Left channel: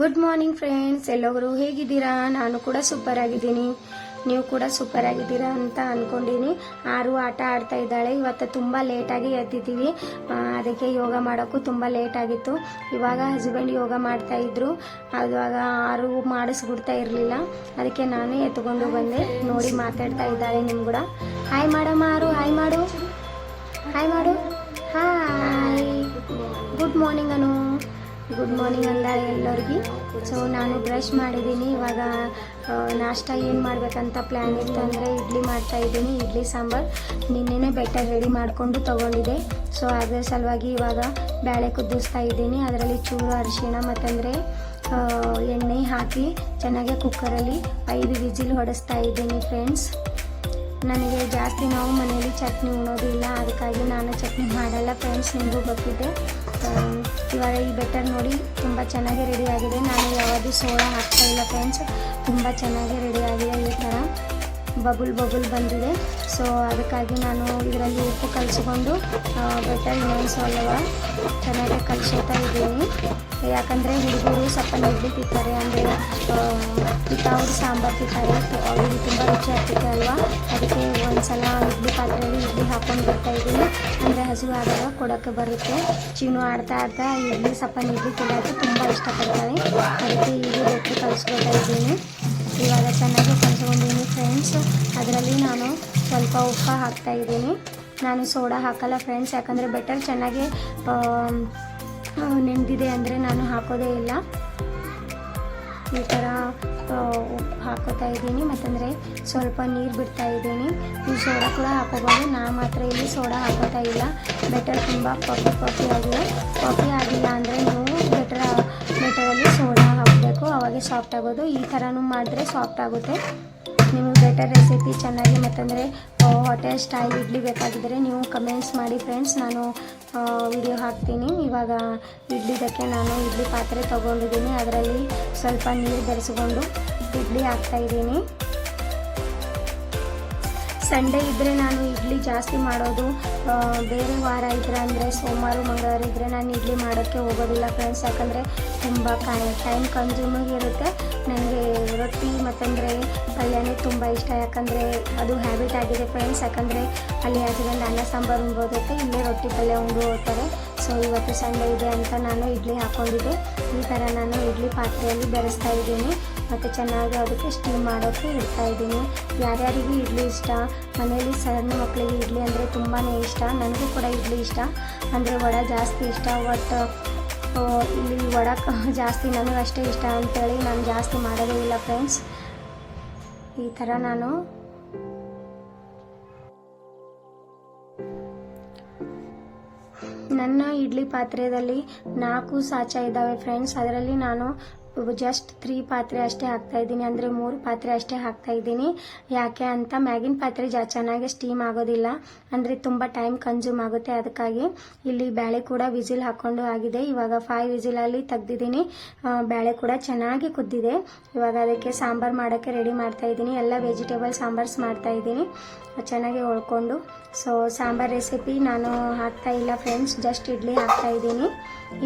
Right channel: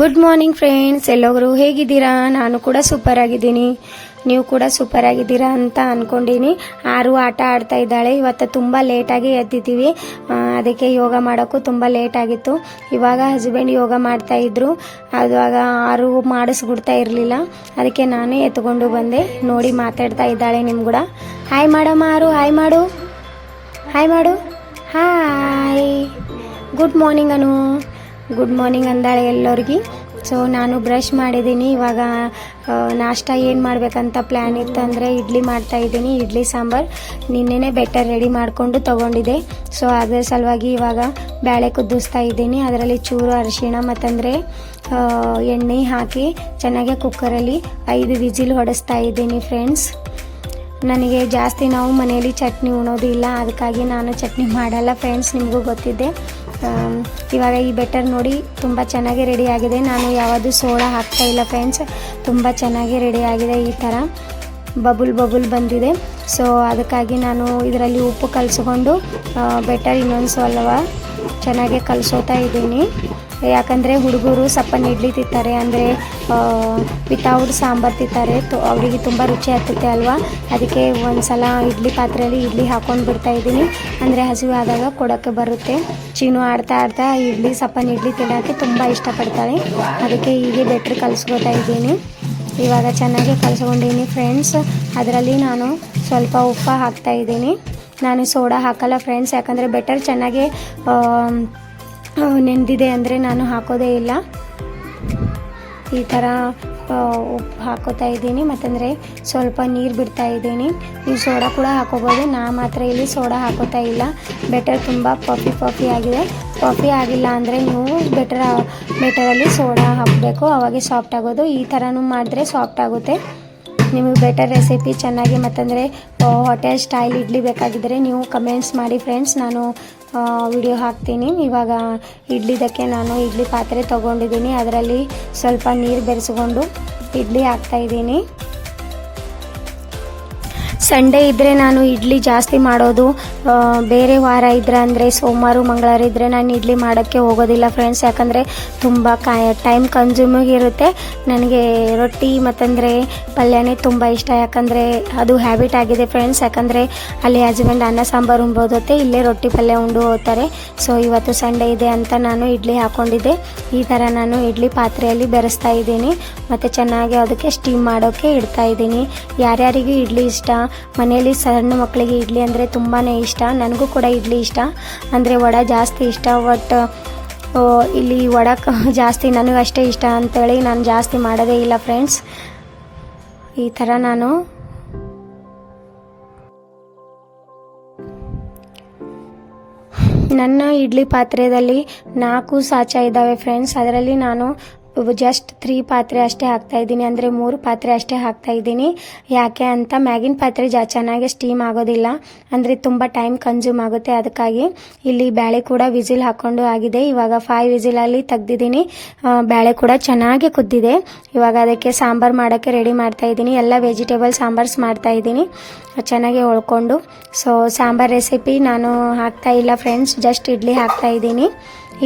Good morning friends, ಎಲ್ಲರೂ ಹೇಗಿದ್ದೀರಾ? ನಾನು ಕೂಡ ಸೂಪರ್ ಆಗಿದ್ದೀನಿ. ನೀವು ಕೂಡ ಸೂಪರ್ ಆಗಿದ್ದೀರಾ ಅಂತ ಅಂದ್ಕೊಂಡಿನಿ. ಆರು ಆಟ ಆಡ್ತಾ ಇದ್ದಾಳೆ. ಇವತ್ತು ತುಂಬ ಲೇಟಾಗಿ ಎದ್ದಿದ್ದೀವಿ, ಅದಕ್ಕೆ ಯೋಗ ಮಾಡೋಕ್ಕೂ ತುಂಬ ಲೇಟ್ ಆಗಿತ್ತು. ಇವಾಗ ಹಸ್ಬೆಂಡ್ ಯೋಗ ಮಾಡ್ತಾ ಇದ್ರು, ಅದುವಾಗ ಆರು ಮಾಡಿಸ್ಬಿಡ್ತಾ ಇರಲಿಲ್ಲ, ಅದಕ್ಕೆ ನಾನೇ ಎತ್ಕೊಂಡು ಬಂದೆ. ನೋಡಿ ಮಾತಾಡ್ತಾ ಇದ್ದಾಳೆ ನಿಮ್ಮ ಕೂಡ. ಹಾಯ್ ಮಾಡಮ್ಮ ಆರು, ಹಾಯ್ ಮಾಡು, ಹಾಯ್ ಮಾಡು, ಹಾಯ್. ಗುಡ್ ಮಾರ್ನಿಂಗ್ ಅನು, ಗುಡ್ ಮಾರ್ನಿಂಗ್ ಅಂದಾಳೆ ಎಲ್ಲರಿಗೆ. ಸೊ ನಾನು ಬ್ರಷ್ ಮಾಡಿದ್ದೀನಿ. ಇವಾಗ ನಾಷ್ಟ ಏನು ಮಾಡಬೇಕಂತ ಪ್ಲ್ಯಾನ್ ಇತ್ತು ಅಂದರೆ ಇಡ್ಲಿ ಮಾಡ್ತಾಯಿದ್ದೀನಿ. ಇಡ್ಲಿ ಸಾಂಬಾರು ನಿನ್ನೆನೇ ಬೆಟರ್ ರೆಡಿ ಮಾಡಿಕೊಂಡು ತೊಗೊಂಡಿದ್ದೆ. ಸೊ ಅದರ ಸಲುವಾಗಿ ಇವಾಗ ಬೇಳೆ ಕುದಿಸ್ತಾ ಇದ್ದೀನಿ. ಅದರಲ್ಲಿ ಚೂರು ಅರಿಶಿಣ ಮತ್ತಂದರೆ ಎಣ್ಣೆ ಹಾಕಿ ಚೆನ್ನಾಗಿ ಕುಕ್ಕರಲ್ಲಿ 5 ವಿಜಿಲ್ ಹೊಡೆಸ್ತಾ ಇದ್ದೀನಿ ಫ್ರೆಂಡ್ಸ್. ನನಗೆ ಜಾಸ್ತಿ ನಾವು ಮನೆಯಲ್ಲಿ ಚಟ್ನಿ ಉಣೋದಿಲ್ಲ, ಅದಕ್ಕಾಗಿ ನಾನು ಚಟ್ನಿ ಮಾಡಲ್ಲ ಫ್ರೆಂಡ್ಸ್, ನಿಮಗೂ ಗೊತ್ತಿದೆ. ಇವಾಗ ಈ ಬೆಟರ್ ನೋಡಿ ತುಂಬ ಚೆನ್ನಾಗಿ ರೆಡಿ ಆಗಿದೆ. ನಾನು ಯಾವುದು ಸೋಡಾ ಹಾಕ್ತಾ ಇಲ್ಲ ಫ್ರೆಂಡ್ಸ್, ತುಂಬ ಚೆನ್ನಾಗಿ ರೆಡಿ ಆಗಿದೆ. ಈ ಥರ ಬಬುಲ್ ಬಂದಿದೆ. ಸೊ ಅದಕ್ಕಾಗಿ ನಾನು ಇದರಲ್ಲಿ ಉಪ್ಪು ಕಲಿಸ್ಕೊಂಡು ಬೆಟರ್ ಇನ್ನೊಂದು ಸ್ವಲ್ಪ ಚೆನ್ನಾಗಿ ಕಲಿಸೋತಾ ಇದ್ದೀನಿ. ಯಾಕಂದರೆ ಹುಡುಗರು ಸಪ್ಪನ ಇಡ್ಲಿ ತಿಂತಾರೆ, ಅಂದರೆ ವಿತೌಟ್ ಸಾಂಬಾರು ತಿಂತಾರೆ, ಅವರಿಗೆ ತುಂಬ ರುಚಿ ಆಗ್ತೈತೆ ಅಲ್ವಾ. ಅದಕ್ಕೆ ಒಂದು ಸಲ ಇಡ್ಲಿ ಪಾತ್ರೆಯಲ್ಲಿ ಇಡ್ಲಿ ಹಾಕ್ಕೊಂಡು ಬಿಡ್ತಾಯಿದ್ದೀನಿ, ಅಂದರೆ ಹಸಿವು ಆದಾಗ ಕೊಡೋಕ್ಕೆ ಬರುತ್ತೆ. ಚೀನು ಆಡ್ತಾ ಇಡ್ಲಿ ಸಪ್ಪನ ಇಡ್ಲಿ ತಿನ್ನೋಕ್ಕೆ ತುಂಬ ಇಷ್ಟಪಡ್ತಾಳೆ, ಅದಕ್ಕೆ ಹೀಗೆ ಬೆಟ್ರ್ ಕಲಿಸ್ಕೊತಾ ಇದ್ದೀನಿ. ಇವಾಗ ಚೆನ್ನಾಗಿ ಕಲಿಸ್ಕೊಂಡಿದ್ದೀನಿ ಫ್ರೆಂಡ್ಸ್. ಅದರಲ್ಲಿ ನಾನು ಸ್ವಲ್ಪ ಉಪ್ಪು ಹಾಕ್ತಾಯಿದ್ದೀನಿ. ನಾನು ಸೋಡಾ ಹಾಕಲ್ಲ ಫ್ರೆಂಡ್ಸ್, ಯಾಕಂದರೆ ಬೆಟರ್ ಚೆನ್ನಾಗಿ ನೆಂದಿದೆ ಅಂದರೆ ನಾನು ಹಾಕೋದೇ ಇಲ್ಲ. ಈ ಥರ ಉಪ್ಪು ಹಾಕೋತಾ ಇದ್ದೀನಿ, ಮತ್ತಂದರೆ ಸ್ವಲ್ಪ ನೀರು ಬಿಡ್ತಾ ಇದ್ದೀನಿ. ನೀವು ಸೋಡಾ ಕೂಡ ಹಾಕೋಬೋದು, ನಾ ಮಾತ್ರ ಇಲ್ಲಿ ಸೋಡಾ ಹಾಕೋತಾ ಇಲ್ಲ. ಬೆಟರ್ ತುಂಬ ಪಫಿ ಆಗಿದೆ. ಪಫಿ ಆಗಿಲ್ಲ ಅಂದರೆ ನೀವು ಬೆಟರಲ್ಲಿ ಸೋಡಾ ಹಾಕಬೇಕು, ಅವಾಗೆ ಸಾಫ್ಟ್ ಆಗೋದು. ಈ ಥರನೂ ಮಾಡಿದ್ರೆ ಸಾಫ್ಟ್ ಆಗುತ್ತೆ. ನಿಮಗೆ ಬೆಟರ್ ರೆಸಿಪಿ ಚೆನ್ನಾಗಿ ಮತ್ತಂದರೆ ಹೋಟೆಲ್ ಸ್ಟೈಲ್ ಇಡ್ಲಿ ಬೇಕಾಗಿದ್ದರೆ ನೀವು ಕಮೆಂಟ್ಸ್ ಮಾಡಿ ಫ್ರೆಂಡ್ಸ್, ನಾನು ವಿಡಿಯೋ ಹಾಕ್ತೀನಿ. ಇವಾಗ ಇಡ್ಲಿದಕ್ಕೆ ನಾನು ಇಡ್ಲಿ ಪಾತ್ರೆ ತೊಗೊಂಡಿದ್ದೀನಿ, ಅದರಲ್ಲಿ ಸ್ವಲ್ಪ ನೀರು ಬೆರೆಸ್ಕೊಂಡು ಇಡ್ಲಿ ಹಾಕ್ತಾಯಿದ್ದೀನಿ. ಸಂಡೇ ಇದ್ದರೆ ನಾನು ಇಡ್ಲಿ ಜಾಸ್ತಿ ಮಾಡೋದು. ಬೇರೆ ವಾರ ಇದ್ದರೆ ಅಂದರೆ ಸೋಮವಾರ ಮಂಗಳವಾರ ಇದ್ದರೆ ನಾನು ಇಡ್ಲಿ ಮಾಡೋಕ್ಕೆ ಹೋಗೋದಿಲ್ಲ ಫ್ರೆಂಡ್ಸ್, ಯಾಕಂದರೆ ತುಂಬ ಟೈಮ್ ಕನ್ಸ್ಯೂಮಿಂಗ್ ಇರುತ್ತೆ. ನನಗೆ ರೊಟ್ಟಿ ಮತ್ತಂದರೆ ಪಲ್ಯನೇ ತುಂಬ ಇಷ್ಟ, ಯಾಕಂದರೆ ಅದು ಹ್ಯಾಬಿಟ್ ಆಗಿದೆ ಫ್ರೆಂಡ್ಸ್. ಯಾಕಂದರೆ ಅಲ್ಲಿ ಹಸ್ಬೆಂಡ್ ಅನ್ನ ಸಾಂಬಾರು ಉಣ್ಬೋದತ್ತೆ, ಇಲ್ಲೇ ರೊಟ್ಟಿ ಪಲ್ಯ ಉಂಡು ಹೋಗ್ತಾರೆ. ಸೊ ಇವತ್ತು ಸಂಡೇ ಇದೆ ಅಂತ ನಾನು ಇಡ್ಲಿ ಹಾಕ್ಕೊಂಡಿದ್ದೆ. ಈ ಥರ ನಾನು ಇಡ್ಲಿ ಪಾತ್ರೆಯಲ್ಲಿ ಬೆರೆಸ್ತಾ ಇದ್ದೀನಿ, ಮತ್ತು ಚೆನ್ನಾಗಿ ಅದಕ್ಕೆ ಸ್ಟೀಮ್ ಮಾಡೋಕ್ಕೆ ಇಡ್ತಾಯಿದ್ದೀನಿ. ಯಾರ್ಯಾರಿಗೂ ಇಡ್ಲಿ ಇಷ್ಟ, ಮನೆಯಲ್ಲಿ ಸಣ್ಣ ಮಕ್ಕಳಿಗೆ ಇಡ್ಲಿ ಅಂದರೆ ತುಂಬಾ ಇಷ್ಟ. ನನಗೂ ಕೂಡ ಇಡ್ಲಿ ಇಷ್ಟ, ಅಂದರೆ ವಡೆ ಜಾಸ್ತಿ ಇಷ್ಟ. ಬಟ್ ಇಲ್ಲಿ ವಡೆ ಜಾಸ್ತಿ ನನಗೆ ಅಷ್ಟೇ ಇಷ್ಟ ಅಂತೇಳಿ ನಾನು ಜಾಸ್ತಿ ಮಾಡೋದೇ ಇಲ್ಲ ಫ್ರೆಂಡ್ಸ್. ಈ ಥರ ನಾನು ನನ್ನ ಇಡ್ಲಿ ಪಾತ್ರೆಯಲ್ಲಿ 4 ಸಾಚ ಇದ್ದಾವೆ ಫ್ರೆಂಡ್ಸ್. ಅದರಲ್ಲಿ ನಾನು ಜಸ್ಟ್ 3 ಪಾತ್ರೆ ಅಷ್ಟೇ ಹಾಕ್ತಾಯಿದ್ದೀನಿ, ಅಂದರೆ 3 ಪಾತ್ರೆ ಅಷ್ಟೇ ಹಾಕ್ತಾಯಿದ್ದೀನಿ. ಯಾಕೆ ಅಂತ ಮ್ಯಾಗಿನ ಪಾತ್ರೆ ಚೆನ್ನಾಗಿ ಸ್ಟೀಮ್ ಆಗೋದಿಲ್ಲ, ಅಂದರೆ ತುಂಬ ಟೈಮ್ ಕನ್ಸ್ಯೂಮ್ ಆಗುತ್ತೆ. ಅದಕ್ಕಾಗಿ ಇಲ್ಲಿ ಬೇಳೆ ಕೂಡ ವಿಸಿಲ್ ಹಾಕ್ಕೊಂಡು ಆಗಿದೆ. ಇವಾಗ 5 ವಿಸಿಲಲ್ಲಿ ತೆಗ್ದಿದ್ದೀನಿ. ಬೇಳೆ ಕೂಡ ಚೆನ್ನಾಗಿ ಕುದ್ದಿದೆ. ಇವಾಗ ಅದಕ್ಕೆ ಸಾಂಬಾರು ಮಾಡೋಕ್ಕೆ ರೆಡಿ ಮಾಡ್ತಾಯಿದ್ದೀನಿ. ಎಲ್ಲ ವೆಜಿಟೇಬಲ್ ಸಾಂಬಾರ್ಸ್ ಮಾಡ್ತಾಯಿದ್ದೀನಿ ಚೆನ್ನಾಗಿ ಹೊಳ್ಕೊಂಡು. ಸೊ ಸಾಂಬಾರು ರೆಸಿಪಿ ನಾನು ಹಾಕ್ತಾ ಇಲ್ಲ ಫ್ರೆಂಡ್ಸ್, ಜಸ್ಟ್ ಇಡ್ಲಿ ಹಾಕ್ತಾಯಿದ್ದೀನಿ.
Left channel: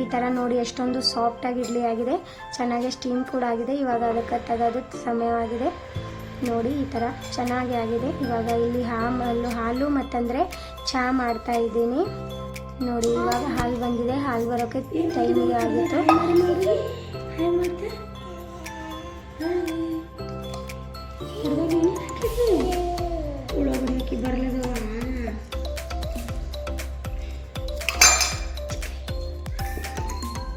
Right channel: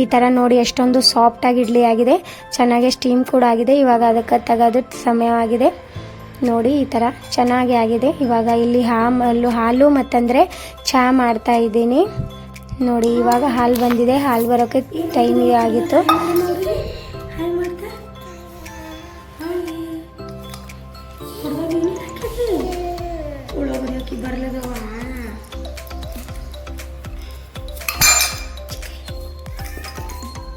ಈ ಥರ ನೋಡಿ ಎಷ್ಟೊಂದು ಸಾಫ್ಟಾಗಿ ಇಡ್ಲಿ ಆಗಿದೆ, ಚೆನ್ನಾಗಿ ಸ್ಟೀಮ್ ಕೂಡ ಆಗಿದೆ. ಇವಾಗ ಅದಕ್ಕೆ ತೆಗೆದು ಸಮಯವಾಗಿದೆ ನೋಡಿ, ಈ ಥರ ಚೆನ್ನಾಗಿ ಆಗಿದೆ. ಇವಾಗ ಇಲ್ಲಿ ಹಾಲು ಮತ್ತಂದರೆ ಚಹಾ ಮಾಡ್ತಾ ಇದ್ದೀನಿ ನೋಡಿ. ಇವಾಗ ಹಾಲು ಬಂದಿದೆ, ಹಾಲು ಬರೋಕ್ಕೆ ಟೈಮ್ ಆಗಿತ್ತು. ಬರಲದವ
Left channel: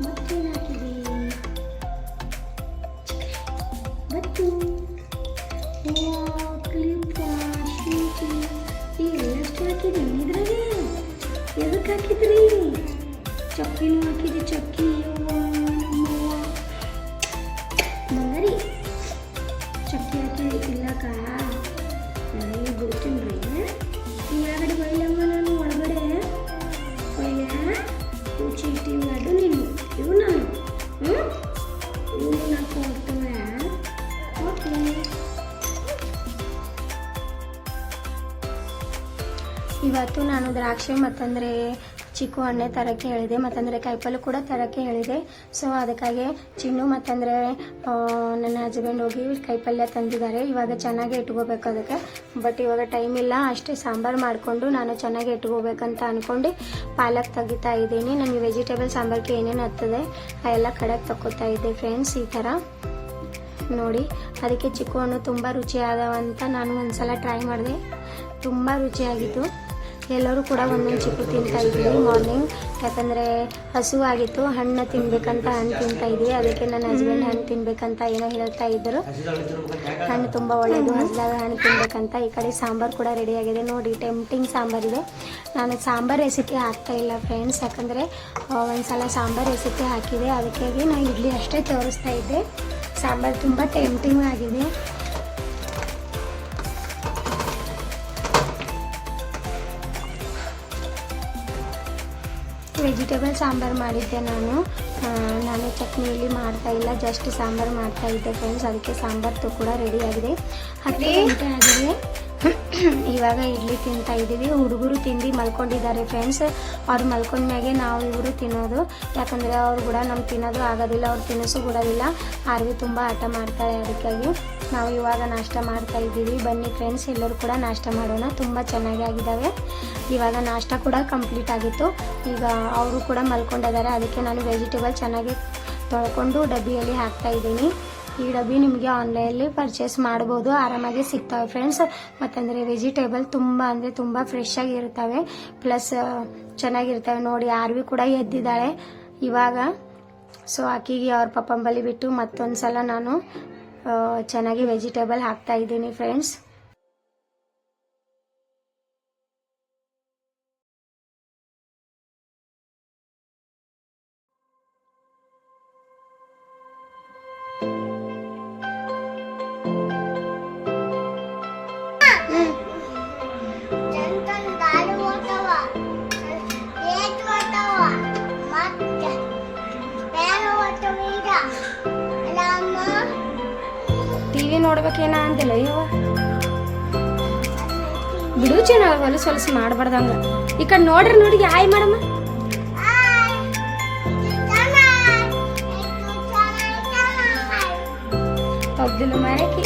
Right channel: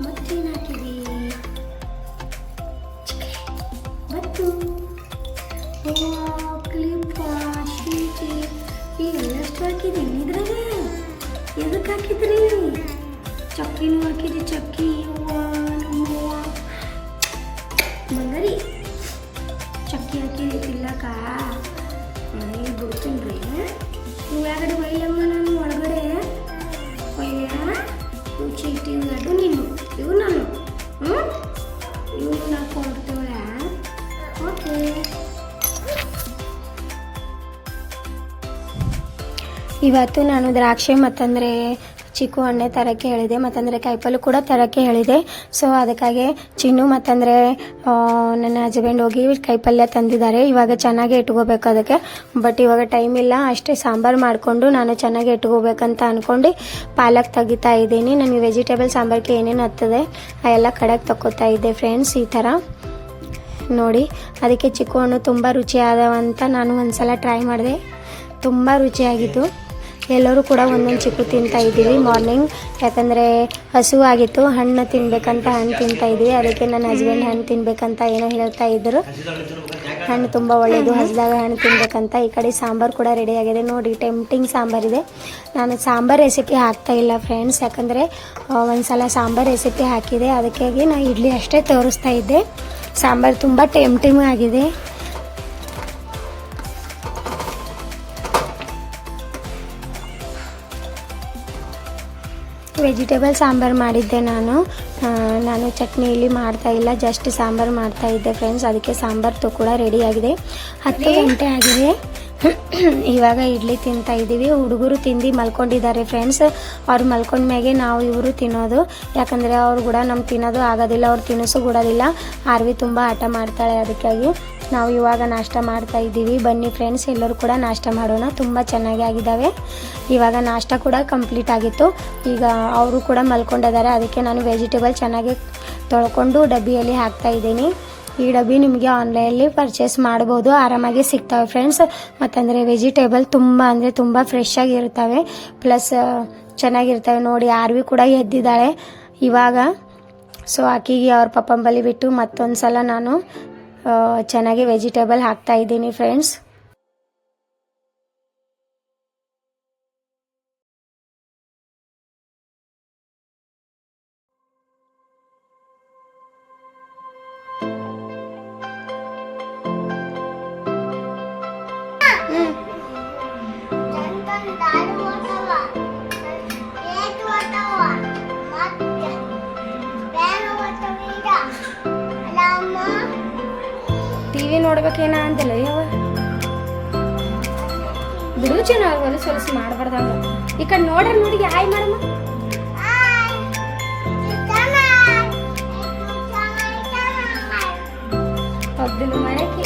ಮತ್ತೇನು ಹಾಕಿದಿ? ಮತ್ತು ಕ್ಲಿಪ್ ಎಷ್ಟು ಹಾಕಿದಿ ಇದ್ರಾಗ? ಎದಕ್ಕೆ ಹಾಕಿದ್ರಿ? ಚಕ್ಕಿನೂ ಹಾಕಿದಿ, ಚಕ್ಕಿ ಮಂಗರಿ ಚಕ್ಕಿ ಹಾಕಿದಿ ತಿನ್ನಕ. ಮನೆಗೆ ಬಿಡ್ತೀನಿ ರೀ, ನೀವು ಯಾಗಡೆ ಬೈಯಮ್ಮ, ನಾನು ಒಳಗಡೆ ಬೈಯ ರುಚಿ ಇಟ್ಟಿದ್ದು ನೀನು ಇವು ನಾನು ಇವು ಹಾಕೊಂಡ್ಬಿಡ್ತೇವೆ. ಓಕೆ, ಇವತ್ತು ನಾನು ದ್ರಾಕ್ಷಿ ಮತ್ತಂದರೆ ಚಿಕ್ಕು ಹಣ್ಣೆ ತರೋಕ್ಕೆ ಹೇಳಿದೆ, ಮತ್ತಂದರೆ ಕಾಯಿಪಲ್ಲೆ ಕೂಡ ತರೋಕ್ಕೆ ಹೇಳಿದೆ. ಸೊ ಅದಕ್ಕಾಗಿ ಚಿನ್ನು ಮತ್ತಂದರೆ ನನ್ನ ಹಸ್ಬೆಂಡ್ ಹೋಗಿ ಕಾಯಿಪಲ್ಯ ತಂದಿದ್ದಾರೆ. ಇವಾಗ ಚೆನ್ನಾಗಿ ಇಟ್ಕೋಬೇಕು ಅದಕ್ಕೆ, ಬಟ್ ಇವಾಗ ಟೈಮ್ ಇಲ್ಲ. ಅಷ್ಟೇ ಸಾಂಬಾರು ಮಾಡಿಕೊಂಡು ನಾನು ಚೆನ್ನಾಗಿ ಇಟ್ಕೋಬೇಕಂತ ಅಂದ್ಕೊಂಡು ಪಾಲಕ್ ತೆಗಿತಾ ಇದ್ದೀನಿ. ನಮಗೆ ವೆಜಿಟೇಬಲ್ ಸಾಂಬಾರಿಗೆ ಏನೇನು ಹತ್ತದೆ ಆ ಎಲ್ಲ ಕಡೆಗೆ ತಗೋತಾ ಇದ್ದೆ ಫ್ರೆಂಡ್ಸ್. ಈ ಥರ ನೋಡಿ, ಅದಕ್ಕೆ ಚಿಕ್ಕು ಹಣ್ಣು ತುಂಬ ರುಚಿಯಾದವಂತ ನಾನು ಒಂದ್ಸಲ ಟ್ರೈ ಮಾಡಿದೆ, ತುಂಬ ರುಚಿಯಾಗಿತ್ತು. ಎಲ್ಲರೂ ಕೂಡ ಒಂದೊಂದು ಚಿಕ್ಕು ತಿಂತಾ ಇದ್ದೀವಿ ಮಾರ್ನಿಂಗ್, ಯಾಕಂದರೆ ಹಸುವಾಗಿತ್ತು. ಹಣ್ಣು ತಿನ್ಬೇಕಂತ ಹಣ್ಣು ತಿಂತಾ ಇದ್ವಿ. ಅದಕ್ಕೆ ನನ್ನ ಹಸ್ಬೆಂಡ್ ಹಣ್ಣು ತಿನ್ಬೇಕಂತ ಏನೋ ಹೇಳ್ತಾ ಇದ್ದರು. ಹಣ್ಣು ತುಂಬ ಒಳ್ಳೆಯದು, ಹಸಿದಾಗ ಹಣ್ಣು ತಿನ್ಬೇಕಂತ. ಈ ಕಡೆ ಸಾಂಬಾರು ಕೂಡ ರೆಡಿಯಾಗಿದೆ ನೋಡಿ, ಟೆಂಪ್ಟಿಂಗ್ ಸಾಂಬಾರಿದೆ. ನಾನು ಸಾಂಬಾರು ರೆಸಿಪಿ ಹಾಕ್ತಾ ಇಲ್ಲ ಫ್ರೆಂಡ್ಸ್, ಯಾಕಂದರೆ ಒಂದು ಸಲ ಸಾಂಬಾರು ರೆಸಿಪಿ ಹಾಕಿದೆ, ಅದಕ್ಕಾಗಿ ನಾನು ಇಡ್ಲಿ ಅಷ್ಟೇ ತೋರಿಸ್ತಾ ಇದ್ದೆ. ಸಾಂಬಾರು ತುಂಬ ಟೆಂಪ್ಟಿಂಗ್ ಆಗಿದೆ. ವೆಜಿಟೇಬಲ್ ಸಾಂಬಾರು ಮಾಡಿದ್ದೆ ನಾನು ಚಟ್ನಿಯಲ್ಲಿ ಮಾಡ್ತಾ ಇಲ್ಲ, ಜಸ್ಟ್ ಸಾಂಬಾರು ಮಾಡ್ತಾ ಇದ್ದೆ ಫ್ರೆಂಡ್ಸ್. ಅದಕ್ಕೆ ಸಾಂಬಾರು ಕೂಡ ರೆಡಿಯಾಗಿದೆ. 10 ಗಂಟೆ ಆಗಿದೆ. ಇವಾಗ ಇಡ್ಲಿ ತಿಂತಾ ಇದ್ದೀವಿ. ಹುಡುಗರು ತಿಂದು ಮಲ್ಕೊಂಡಿದ್ದಾರೆ ಫ್ರೆಂಡ್ಸ್. ಅವ್ರು ಮಲ್ಕೊಂಡ್ಮೇಲೆ ನಾವು ಇವರು ತಿನ್ನೋದು, ಯಾಕಂದರೆ ಅವ್ರು ಕೂಡ ನಮ್ಗೆ ತಿನ್ನೋದು ಆಗೋದಿಲ್ಲ, ಅವ್ರು ತಿನ್ನಿಸು ಕೊಡೋದಿಲ್ಲ. ಆರ್ವಿ ತುಂಬ ಆಟ ಮಾಡ್ತಾಳೆ, ಅದಕ್ಕಾಗಿ ನಾವು ಇವಾಗ ನಾಷ್ಟ ಮಾಡ್ತಾ ಇದ್ದೀವಿ. ಬನ್ನಿ ಫ್ರೆಂಡ್ಸ್, ಎಲ್ಲರೂ ಕೂಡ ನಾಷ್ಟ ಮಾಡೋಣ. ತುಂಬ ಚೆನ್ನಾಗಿ ಆಗಿದ್ದಾವೆ. ಇವಾಗ ನಾಷ್ಟ ಕೂಡ ಕಂಪ್ಲೀಟ್ ಆಗಿತ್ತು. ಈಗ ಅವರು ಕೂಡ ಮಲ್ಕೊಂಡಿದ್ದಾರೆ, ಅದಕ್ಕೆ ನಾನು ವೆಜಿಟೇಬಲ್ ಚೆನ್ನಾಗಿ ತೊಳ್ಕೊಂಡು ಡಬ್ಬಿಯಲ್ಲಿ ಹಾಕ್ತಾ ಇದ್ದೀನಿ. ಈ ಡಬ್ಬಿ ನಿಮಗೆ ಆನ್ಲೈನಲ್ಲಿ ಪರ್ಚೇಸ್ ಮಾಡ್ಬೋದು, ಆರಾಮಾಗಿ ಸಿಗ್ತವೆ ಫ್ರೆಂಡ್ಸ್. ಮತ್ತಂದರೆ ವೆಜಿಟೇಬಲ್ ತುಂಬ ಫ್ರೆಶ್ ಆಗಿರ್ತವೆ, ಪ್ಲಸ್ ಚೆನ್ನಾಗಿರ್ತವೆ. ನೋಡಿ, ಆರ್ವಿ ಕೂಡ ಎದ್ದಿದ್ದಾಳೆ ಇವಾಗ. ಸೊ ಆಕಿಗೆ ಅವ್ರ ಪಪ್ಪನ ಬಳಿ ಬಿಟ್ಟು ಮತ್ತೊಂದು ಸಲ ನಾನು ಚೆನ್ನಾಗಿ ವೆಜಿಟೇಬಲ್ ಹಾಕ್ತಾ ಇದ್ದೀನಿ ಫ್ರೆಂಡ್ಸ್. ಟಿವಿ ನೋಡ್ಬೇಕೇನ ಅಂತಿಲ್ಲ ಯಾವ ಬಿಡು, ಚೆನ್ನಾಗಿ ಹೊಲಸು ಮಾಡಬಾರ್ದಂಗ. ಈ ಕಡೆ ನೋಡ್ರಿ, ನೋಡಿ ಹಾಯ್ ಮಾಡಮ್ಮ. ಅಬ್ದುಲ್ ಮರಕ್ಕೆ